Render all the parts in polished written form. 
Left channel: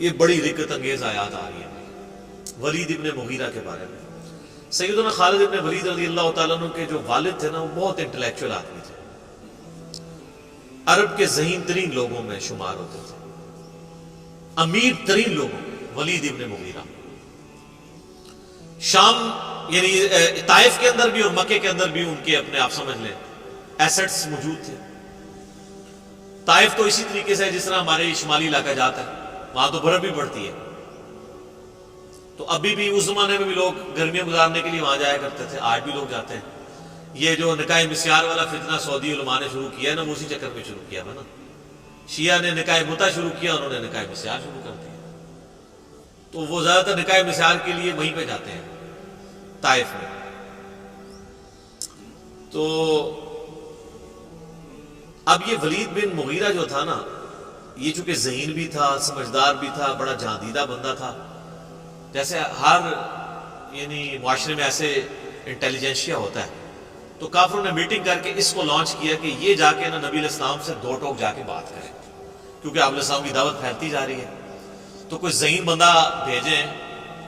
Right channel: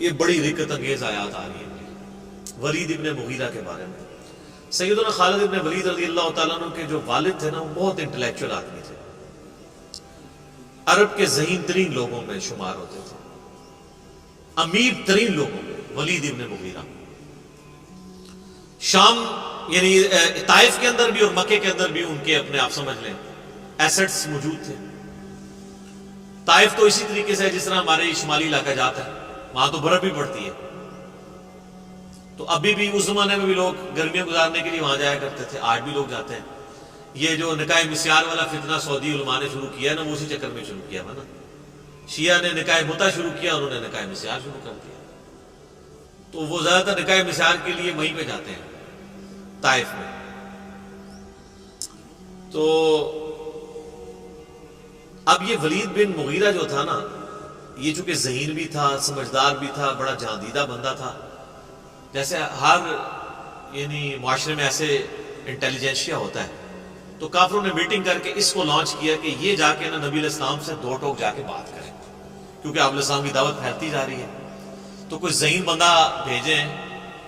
یہ بڑی رکت انگیز آیات آ رہی ہیں ولید ابن مغیرہ کے بارے میں۔ سیدنا خالد ابن ولید رضی اللہ تعالیٰ عنہ کے جو والد تھے نا، وہ بہت انٹلیکچوئل آدمی تھے، عرب کے ذہین ترین لوگوں میں شمار ہوتے تھے، امیر ترین لوگوں میں ولید ابن مغیرہ۔ شام یعنی طائف کے اندر بھی اور مکے کے اندر بھی ان کے اپنے آپ سمجھ لیں ایسٹس موجود تھے۔ طائف تو اسی طریقے سے جس طرح ہمارے شمالی علاقہ جاتا ہے، وہاں تو برف بھی پڑتی ہے، تو ابھی بھی اس زمانے میں بھی لوگ گرمیاں گزارنے کے لیے وہاں جایا کرتے تھے، آج بھی لوگ جاتے ہیں۔ یہ جو نکاح مسیار والا فتنہ سعودی علماء نے شروع کیا ہے نا، وہ اسی چکر میں شروع کیا ہے نا۔ شیعہ نے نکاح متع شروع کیا، انہوں نے نکاح مسیار شروع کر دیا، تو وہ زیادہ تر نکاح مسیار کے لیے وہیں پہ جاتے ہیں طائف میں۔ تو اب یہ ولید بن مغیرہ جو تھا نا، یہ چونکہ ذہین بھی تھا، سمجھدار بھی تھا، بڑا جاندیدہ بندہ تھا۔ جیسے ہر یعنی معاشرے میں ایسے انٹیلیجنشیا ہوتا ہے، تو کافروں نے میٹنگ کر کے اس کو لانچ کیا کہ یہ جا کے نا نبی علیہ السلام سے دو ٹوک جا کے بات کریں، کیونکہ آپ علیہ السلام کی دعوت پھیلتی جا رہی ہے، تو کوئی ذہین بندہ بھیجیں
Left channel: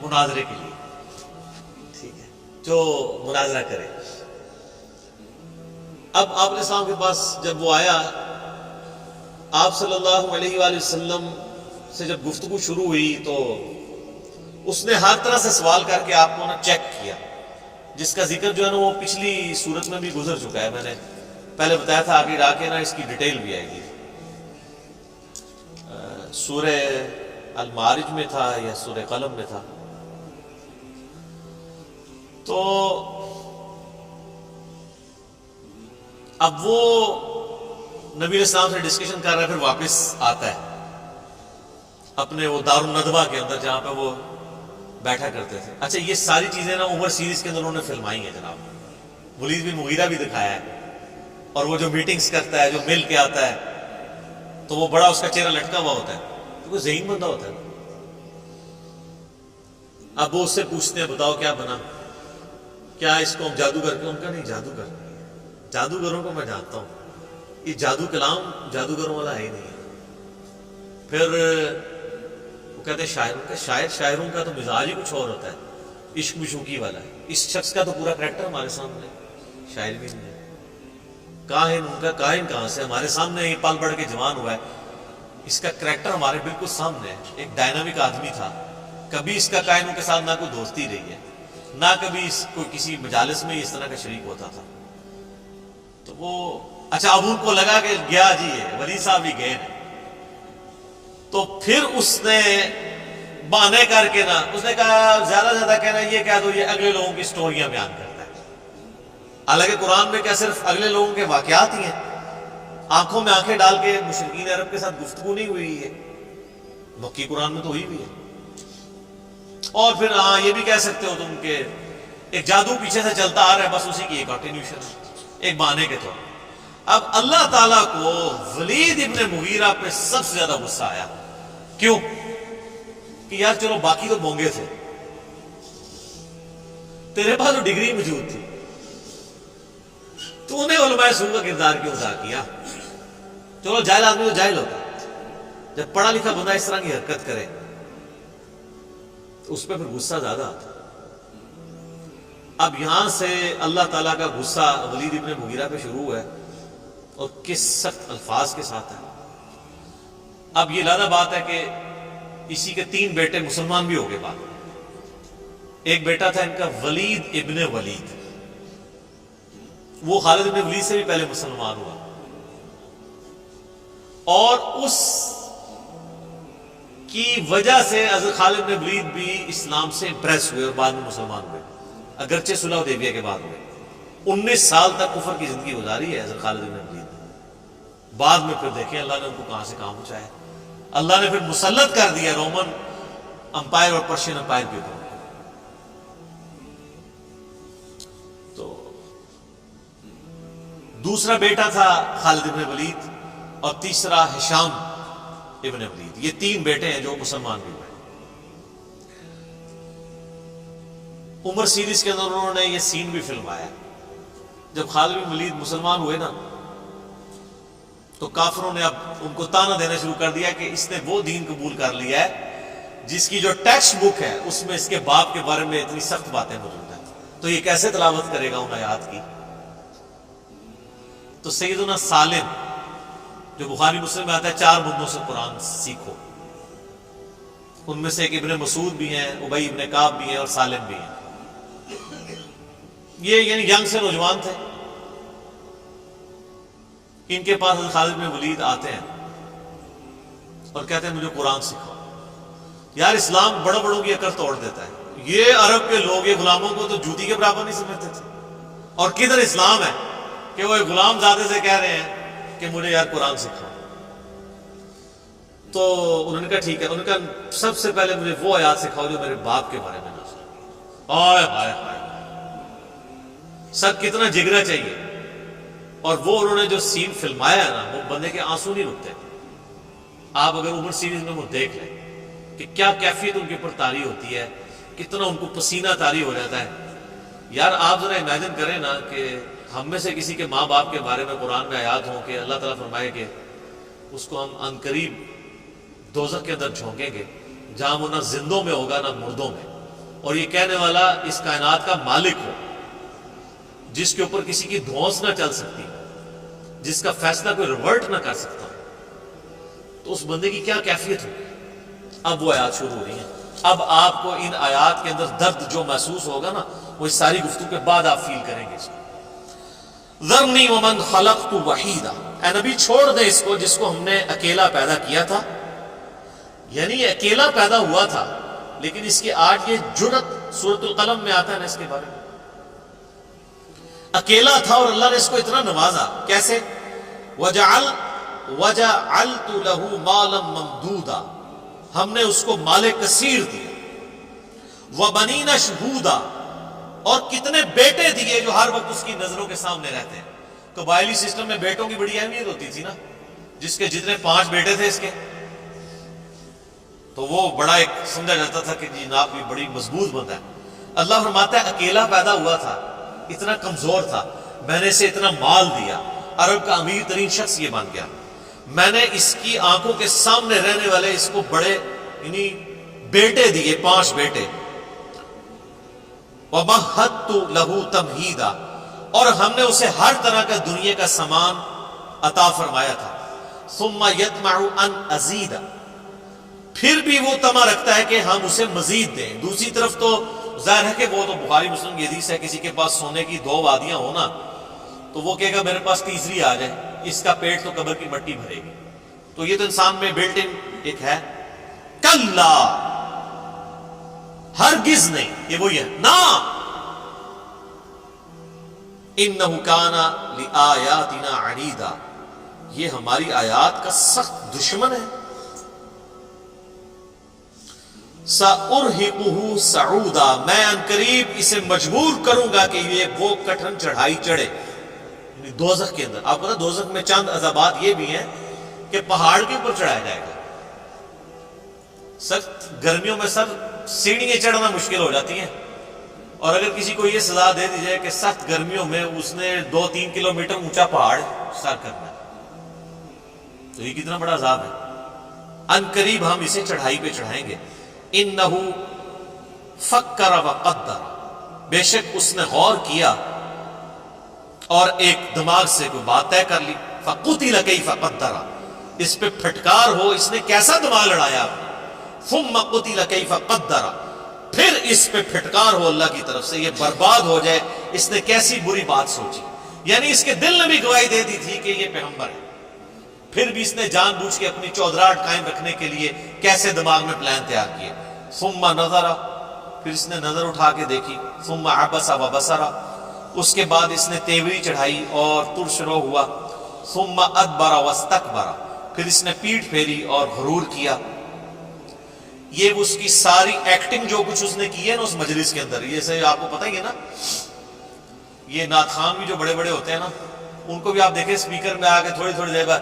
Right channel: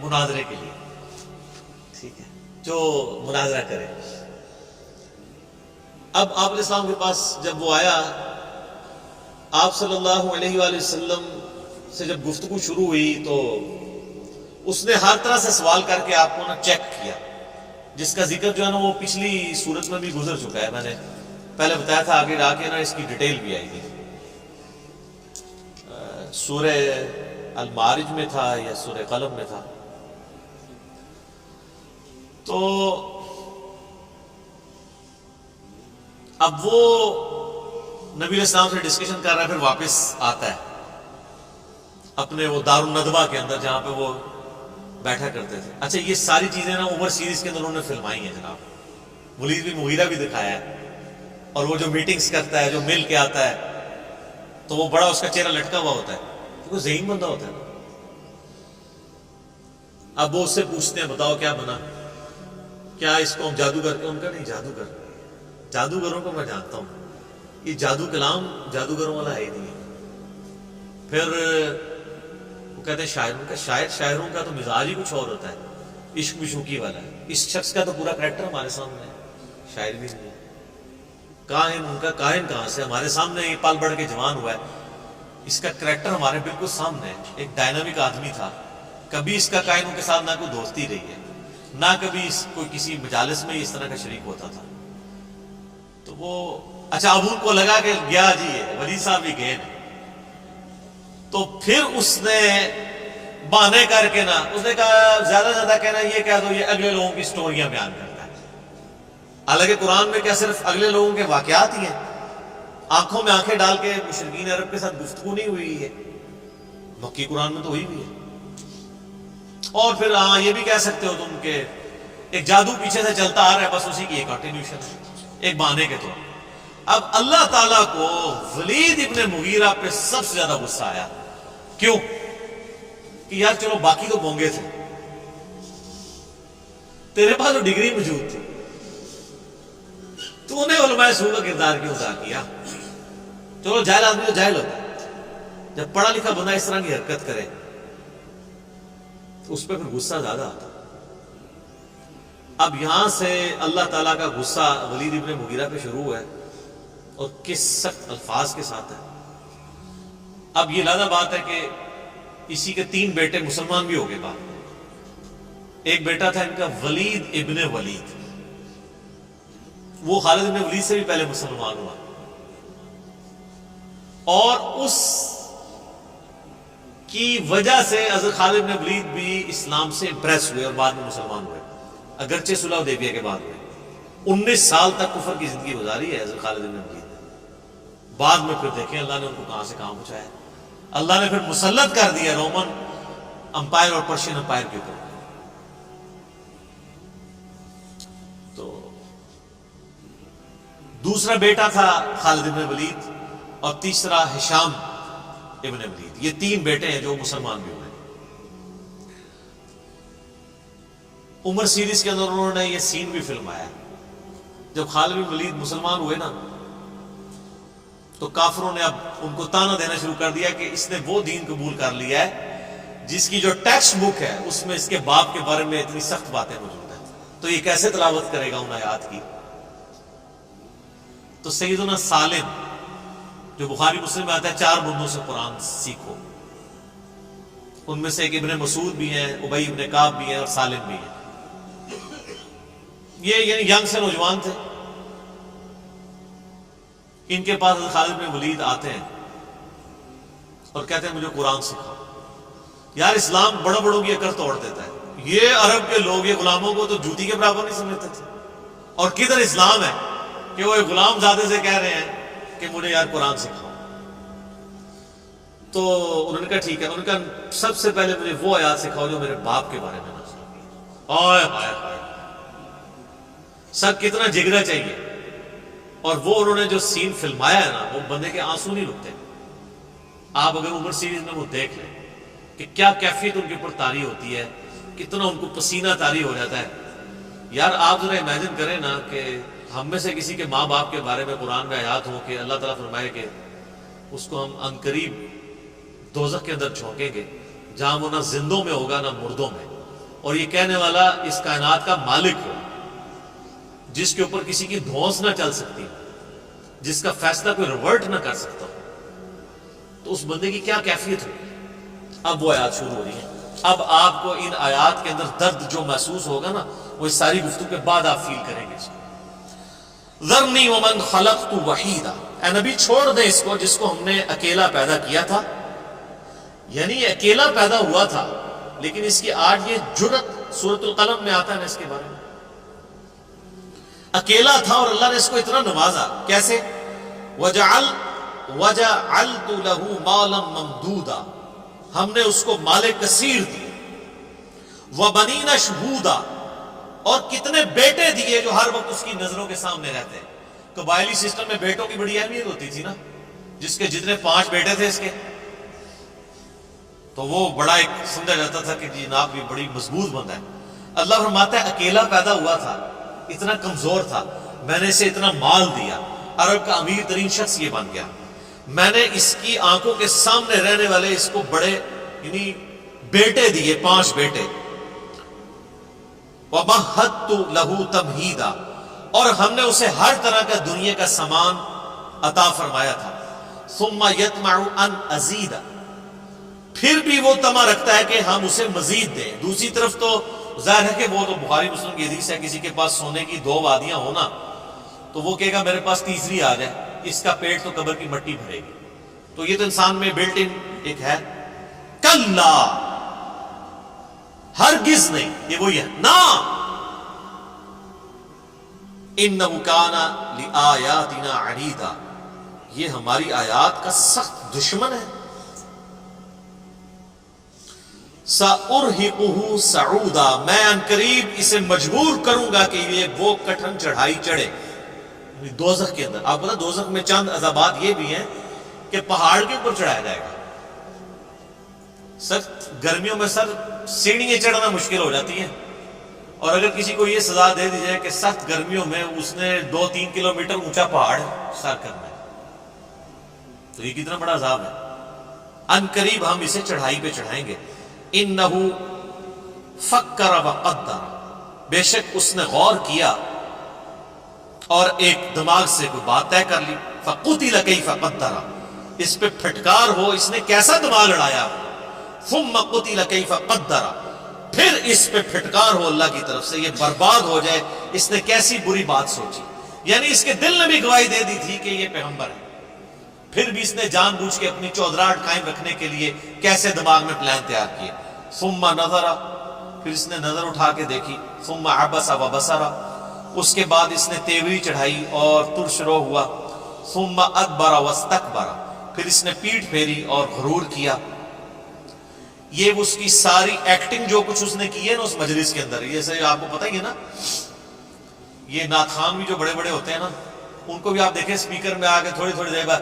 مناظرے کے لیے، ٹھیک ہے، جو مناظرہ کرے۔ اب آپ علیہ السلام کے پاس جب وہ آیا، آپ صلی اللہ علیہ وآلہ وسلم سے جب گفتگو شروع ہوئی تو اس نے ہر طرح سے سوال کر کے آپ کو نا چیک کیا، جس کا ذکر جو ہے نا وہ پچھلی صورت میں بھی گزر چکا ہے، میں نے پہلے بتایا تھا، آگے جا کے نا اس کی ڈیٹیل بھی آئے گی۔ سورہ المعارج میں تھا یا سورہ قلم میں تھا۔ تو اب وہ نبی علیہ السلام سے ڈسکشن کر رہا ہے، پھر واپس آتا ہے اپنے وہ دار الندوہ کے اندر جہاں پہ وہ بیٹھا کرتے تھے۔ اچھا، یہ ساری چیزیں نا عمر سیریز کے اندر انہوں نے فلمائی ہیں جناب، ولید بن مغیرہ بھی دکھایا ہے، اور وہ جو میٹنگز کرتا ہے، جو مل کے آتا ہے، تو وہ بڑا اس کا چہرہ لٹکا ہوا ہوتا ہے، تو کوئی ذہین بندہ ہوتا ہے نا۔ اب وہ اس سے پوچھتے ہیں بتاؤ کیا بنا، کیا اس کو ہم جادوگر کے، ان کا نہیں جادوگر، جادوگروں کو میں جانتا ہوں، یہ جادو کلام جادوگروں والا ہے ہی نہیں ہے۔ پھر وہ کہتے ہیں شاعروں کا، شاعروں کا تو مزاج ہی کچھ اور ہوتا ہے، عشق مشوقی والا ہے، اس شخص کا تو پورا کریکٹر ہمارے سامنے ہے، شاعر بھی نہیں ہے، کاہن، ان کا کاہن کہاں سے، ہمارے سامنے ہی پل بڑھ کے جوان ہوا ہے، اس کا کریکٹر ہمارے بالکل سامنے ہے، ایک ڈائنامک آدمی تھا، کبھی اس کا کائنوں کے ساتھ نہ کوئی دوستی رہی ہے، نہ کبھی کوئی کسی مجالس میں اس طرح کا شریک ہوتا تھا۔ تو وہ اچھا، اب ان کو لگا کہ گیا جی یہ ولید صاحب بھی گئے نا، تو پھر اس نے بہانے کر کے نا، اس نے کہا زیادہ زیادہ کہنا یہ کہہ دو یہ اگلے لوگوں کی سٹوریاں بیان کرتا ہے، حالانکہ قرآن میں کیا صرف اگلے لوگوں کے واقعات ہی ہیں، آنکھوں میں آنکھیں ڈال کے مشرکین عرب کے ساتھ گفتگو نہیں ہوئی ہے، مکی قرآن میں تو ہوئی ہوئی ہے۔ اور پھر ہاں یہ بھی کہہ سکتے ہو تم کہ ایک جادو پیچھے سے چلتا آ رہا ہے، بس اسی کی ایک کنٹینیوشن ہے، ایک بہانے کے طور۔ اب اللہ تعالیٰ کو ولید ابن مغیرہ پہ سب سے زیادہ غصہ آیا، کیوں کہ یار چلو باقی تو بونگے تھے، تیرے پاس تو ڈگری موجود تھی، تو نے علماء سو کا کردار کیوں ادا کیا؟ چلو جاہل آدمی تو جاہل ہوتا ہے، جب پڑھا لکھا بندہ اس طرح کی حرکت کرے تو اس پہ پھر غصہ زیادہ آتا۔ اب یہاں سے اللہ تعالیٰ کا غصہ ولید ابن مغیرہ پہ شروع ہے، اور کس سخت الفاظ کے ساتھ ہے۔ اب یہ لازم بات ہے کہ اسی کے 3 بیٹے مسلمان بھی ہو گئے بعد میں۔ ایک بیٹا تھا ان کا ولید ابن ولید، وہ خالد ابن ولید سے بھی پہلے مسلمان ہوا، اور اس کی وجہ سے حضرت خالد بن ولید بھی اسلام سے امپریس ہوئے اور بعد میں مسلمان ہوئے، اگرچہ صلح حدیبیہ کے بعد ہوئے۔ 19 سال تک کفر کی زندگی گزاری ہے حضرت خالد بن ولید نے، بعد میں پھر دیکھیں اللہ نے ان کو کہاں سے کہاں پہنچایا، اللہ نے پھر مسلط کر دیا رومن امپائر اور پرشین امپائر کے اوپر۔ تو دوسرا بیٹا تھا خالد ابن ولید، اور تیسرا ہشام ابن ولید، یہ 3 بیٹے ہیں جو مسلمان بھی ہوئے۔ عمر سیریز کے اندر انہوں نے یہ سین بھی فلمایا، جب خالد بن ولید مسلمان ہوئے نا تو کافروں نے اب ان کو تانا دینا شروع کر دیا کہ اس نے وہ دین قبول کر لیا ہے جس کی جو ٹیکسٹ بک ہے اس میں اس کے باپ کے بارے میں اتنی سخت باتیں موجود ہیں، تو یہ کیسے تلاوت کرے گا ان آیات کی؟ تو سیدنا سالم جو بخاری مسلم میں آتا ہے 4 بندوں سے قرآن سیکھو، ان میں سے ایک ابن مسعود بھی ہیں، ابی ابن کعب بھی ہیں اور سالم بھی ہیں۔ یہ یعنی ینگ سے نوجوان تھے، ان کے پاس حضرت خالد بن ولید آتے ہیں اور کہتے ہیں مجھے قرآن سکھاؤ۔ یار اسلام بڑوں بڑوں کی عقل توڑ دیتا ہے، یہ عرب کے لوگ یہ غلاموں کو تو جوتی کے برابر نہیں سمجھتے تھے، اور کدھر اسلام ہے کہ وہ ایک غلام زادے سے کہہ رہے ہیں کہ مجھے یار قرآن سکھاؤ۔ تو انہوں نے کہا ٹھیک ہے، انہوں نے کہا سب سے پہلے مجھے وہ آیات سکھاؤ جو میرے باپ کے بارے میں نازل ہوئی۔ ہائے ہائے ہائے، سر کتنا جگرا چاہیے! اور وہ انہوں نے جو سین فلمایا ہے نا، وہ بندے کے آنسو نہیں رکتے۔ آپ اگر عمر سیریز میں وہ دیکھ لیں کہ کیا کیفیت ان کے اوپر طاری ہوتی ہے، کتنا ان کو پسینہ طاری ہو جاتا ہے۔ یار آپ ذرا امیجن کریں نا کہ ہم میں سے کسی کے ماں باپ کے بارے میں قرآن میں آیات ہوں کہ اللہ تعالیٰ فرمائے کہ اس کو ہم عنقریب دوزخ کے اندر جھونکیں گے جہاں وہ نہ زندوں میں ہوگا نہ مردوں میں، اور یہ کہنے والا اس کائنات کا مالک ہو، جس کے اوپر کسی کی دھونس نہ چل سکتی، جس کا فیصلہ کوئی ریورٹ نہ کر سکتا، تو اس بندے کی کیا کیفیت ہوگی؟ اب وہ آیات شروع ہو رہی ہیں۔ اب آپ کو ان آیات کے اندر درد جو محسوس ہوگا نا، وہ اس ساری گفتگو کے بعد آپ فیل کریں گے اس کو۔ ذرنی ومن خلقت وحیدا، اے نبی چھوڑ دیں اس کو جس کو ہم نے اکیلا پیدا کیا تھا، یعنی یہ اکیلا پیدا ہوا تھا، لیکن اس کی آج یہ جرت سورۃ القلم میں آتا ہے نا اس کے بارے میں، اکیلا تھا اور اللہ نے اس کو اتنا نوازا۔ کیسے؟ وَجَعَلْتُ لَهُ مَالًا مَمْدُودًا، ہم نے اس کو مال کثیر دیے، وَبَنِينَ شُهُودًا، اور کتنے بیٹے دیے جو ہر وقت اس کی نظروں کے سامنے رہتے ہیں۔ قبائلی سسٹم میں بیٹوں کی بڑی اہمیت ہوتی تھی نا، جس کے جتنے 5 بیٹے تھے اس کے، تو وہ بڑا ایک سمجھا جاتا تھا کہ جی جناب بھی بڑی مضبوط بندہ ہے۔ اللہ فرماتا ہے اکیلا پیدا ہوا تھا، اتنا کمزور تھا، میں نے اسے اتنا مال دیا، عرب کا امیر ترین شخص یہ بن گیا، میں نے اس کی آنکھوں کے سامنے رہنے والے اس کو بڑے یعنی بیٹے دیے، 5 بیٹے۔ وَمَهَّدتُّ لَهُ تَمْهِيدًا، اور ہم نے اسے ہر طرح کا دنیا کا سامان عطا فرمایا تھا۔ ثُمَّ يَطْمَعُ أَنْ أَزِيدَ، پھر بھی وہ طمع رکھتا ہے کہ ہم اسے مزید دیں۔ دوسری طرف تو ظاہر ہے کہ وہ تو بخاری مسلم کی حدیث ہے، کسی کے پاس سونے کی 2 وادیاں ہونا تو وہ کہے گا میرے پاس تیسری آ جائے، اس کا پیٹ تو قبر کی مٹی بھرے گی۔ تو یہ تو انسان میں بلٹ ان ایک ہے۔ کلا، ہرگز نہیں، یہ وہی ہے نا، انہ کان لآیاتنا عنیدا، یہ ہماری آیات کا سخت دشمن ہے۔ سأرہقہ صعودا، میں عنقریب اسے مجبور کروں گا کہ یہ وہ کٹھن چڑھائی چڑھے، یعنی دوزخ کے اندر۔ آپ پتہ دوزخ میں چند عذابات یہ بھی ہیں کہ پہاڑ کے اوپر چڑھایا جائے گا۔ سخت گرمیوں میں سر سیڑھیاں چڑھنا مشکل ہو جاتی ہیں، اور اگر کسی کو یہ سزا دے دی جائے کہ سخت گرمیوں میں اس نے 2-3 کلومیٹر اونچا پہاڑ سر کرنا ہے، تو یہ کتنا بڑا عذاب ہے۔ عنقریب ہم اسے چڑھائی پہ چڑھائیں گے۔ انہ فکر وقدر، بے شک اس نے غور کیا اور ایک دماغ سے کوئی بات طے کر لی۔ فقتل کیف قدر، اس پہ پھٹکار ہو اس نے کیسا دماغ لڑایا۔ ثم قتل کیف قدر، پھر اس پہ پھٹکار ہو اللہ کی طرف سے، یہ برباد ہو جائے، اس نے کیسی بری بات سوچی۔ یعنی اس کے دل نے بھی گواہی دے دی تھی کہ یہ پیغمبر ہے، پھر بھی اس نے جان بوجھ کے اپنی چودراہٹ قائم رکھنے کے لیے کیسے دماغ میں پلان تیار کیے۔ ثم نظر، پھر اس نے نظر اٹھا کے دیکھی۔ ثم عبس وبصر، اس کے بعد اس نے تیوری چڑھائی اور ترش رو ہوا۔ ثم ادبر واستکبر، پھر اس نے پیٹھ پھیری اور غرور کیا۔ یہ اس کی ساری ایکٹنگ جو کچھ اس نے کی ہے نا اس مجلس کے اندر، یہ سے آپ کو پتہ ہی ہے نا، یہ نعت خوان بھی جو بڑے بڑے ہوتے ہیں نا، ان کو بھی آپ دیکھیں سپیکر میں آ کے تھوڑی تھوڑی دیر بعد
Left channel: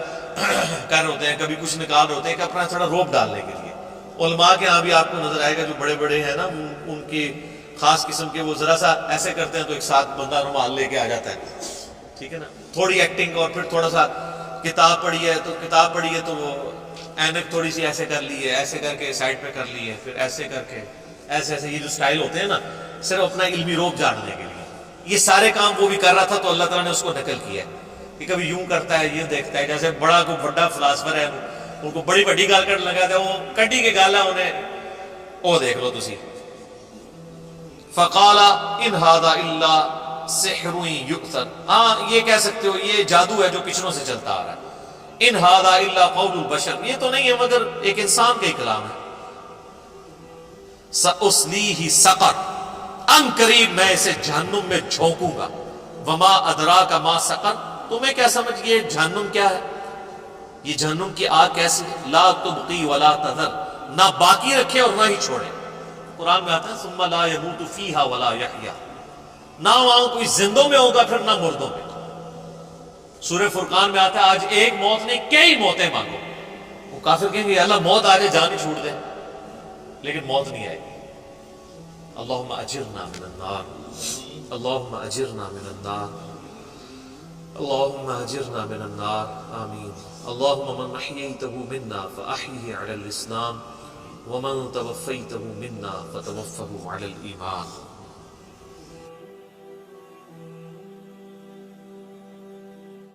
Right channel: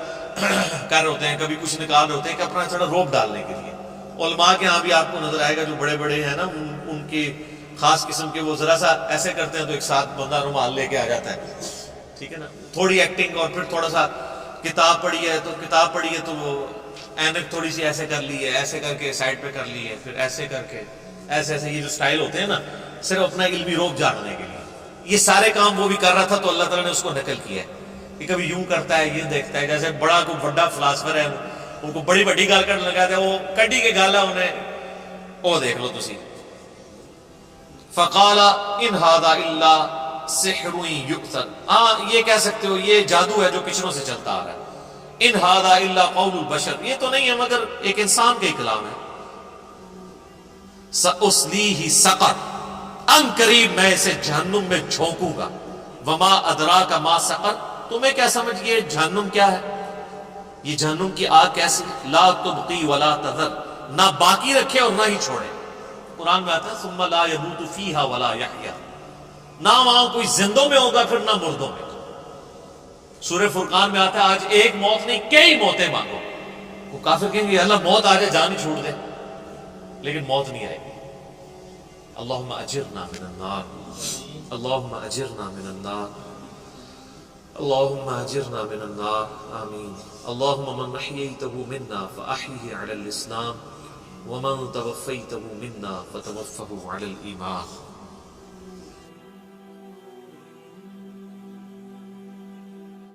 کر رہے ہوتے ہیں، کبھی کچھ نکال رہے ہوتے ہیں کہ اپنا تھوڑا روپ ڈالنے کے لیے۔ علماء کے ہاں بھی آپ کو نظر آئے گا جو بڑے بڑے ہیں نا، ان کی خاص قسم کے وہ ذرا سا ایسے کرتے ہیں تو ایک ساتھ بندہ رومال لے کے آ جاتا ہے، ٹھیک ہے نا، تھوڑی ایکٹنگ، اور پھر تھوڑا سا کتاب پڑھی ہے تو وہ اینک تھوڑی سی ایسے کر لی ہے، ایسے کر کے سائڈ پہ کر لی ہے، پھر ایسے کر کے ایسے ایسے، یہ جو سٹائل ہوتے ہیں نا صرف اپنا علمی روب جاننے کے لیے، یہ سارے کام وہ بھی کر رہا تھا تو اللہ تعالیٰ نے اس کو نقل کیا ہے کہ کبھی یوں کرتا ہے، یہ دیکھتا ہے، جیسے بڑا کو بڑا فلاسفر ہے ان کو بڑی بڑی گال کرنے لگا تھا، وہ کڈی کے گال ہے انہیں، وہ دیکھ لو تسی. فقال ان هذا الا سحر یؤثر، ہاں یہ کہہ سکتے ہو یہ جادو ہے جو پچھلوں سے چلتا آ رہا ہے. ان هذا الا قول البشر، یہ تو نہیں ہے مگر ایک انسان کا ہی کلام ہے. سأصلیہ سقر، ان قریب میں اسے جہنم میں جھونکوں گا. وما ادراک ما سقر، تمہیں کیا سمجھ یہ جہنم کیا ہے، یہ جہنم کی آگ کیسی ہے. لا تبقی ولا تذر، نہ باقی رکھے اور نہ ہی چھوڑے. قرآن میں آتا ہے ثم لا يموت فیہا ولا یحیا، نہ وہاں کوئی زندوں میں ہوگا پھر نہ مردوں میں. سورہ فرقان میں آتا ہے آج ایک موت نہیں کئی موتیں مانگو. وہ کافر کہیں گے اللہ موت آ جائے جان ہی چھوڑ دے، لیکن موت نہیں آئے گی. اللہم اجرنا من النار، اللہم اجرنا من النار، اللہم اجرنا من النار، آمین. اللہم من احییتہ منا فاحیہ علی الاسلام ومن توفیتہ منا فتوفہ علی الایمان.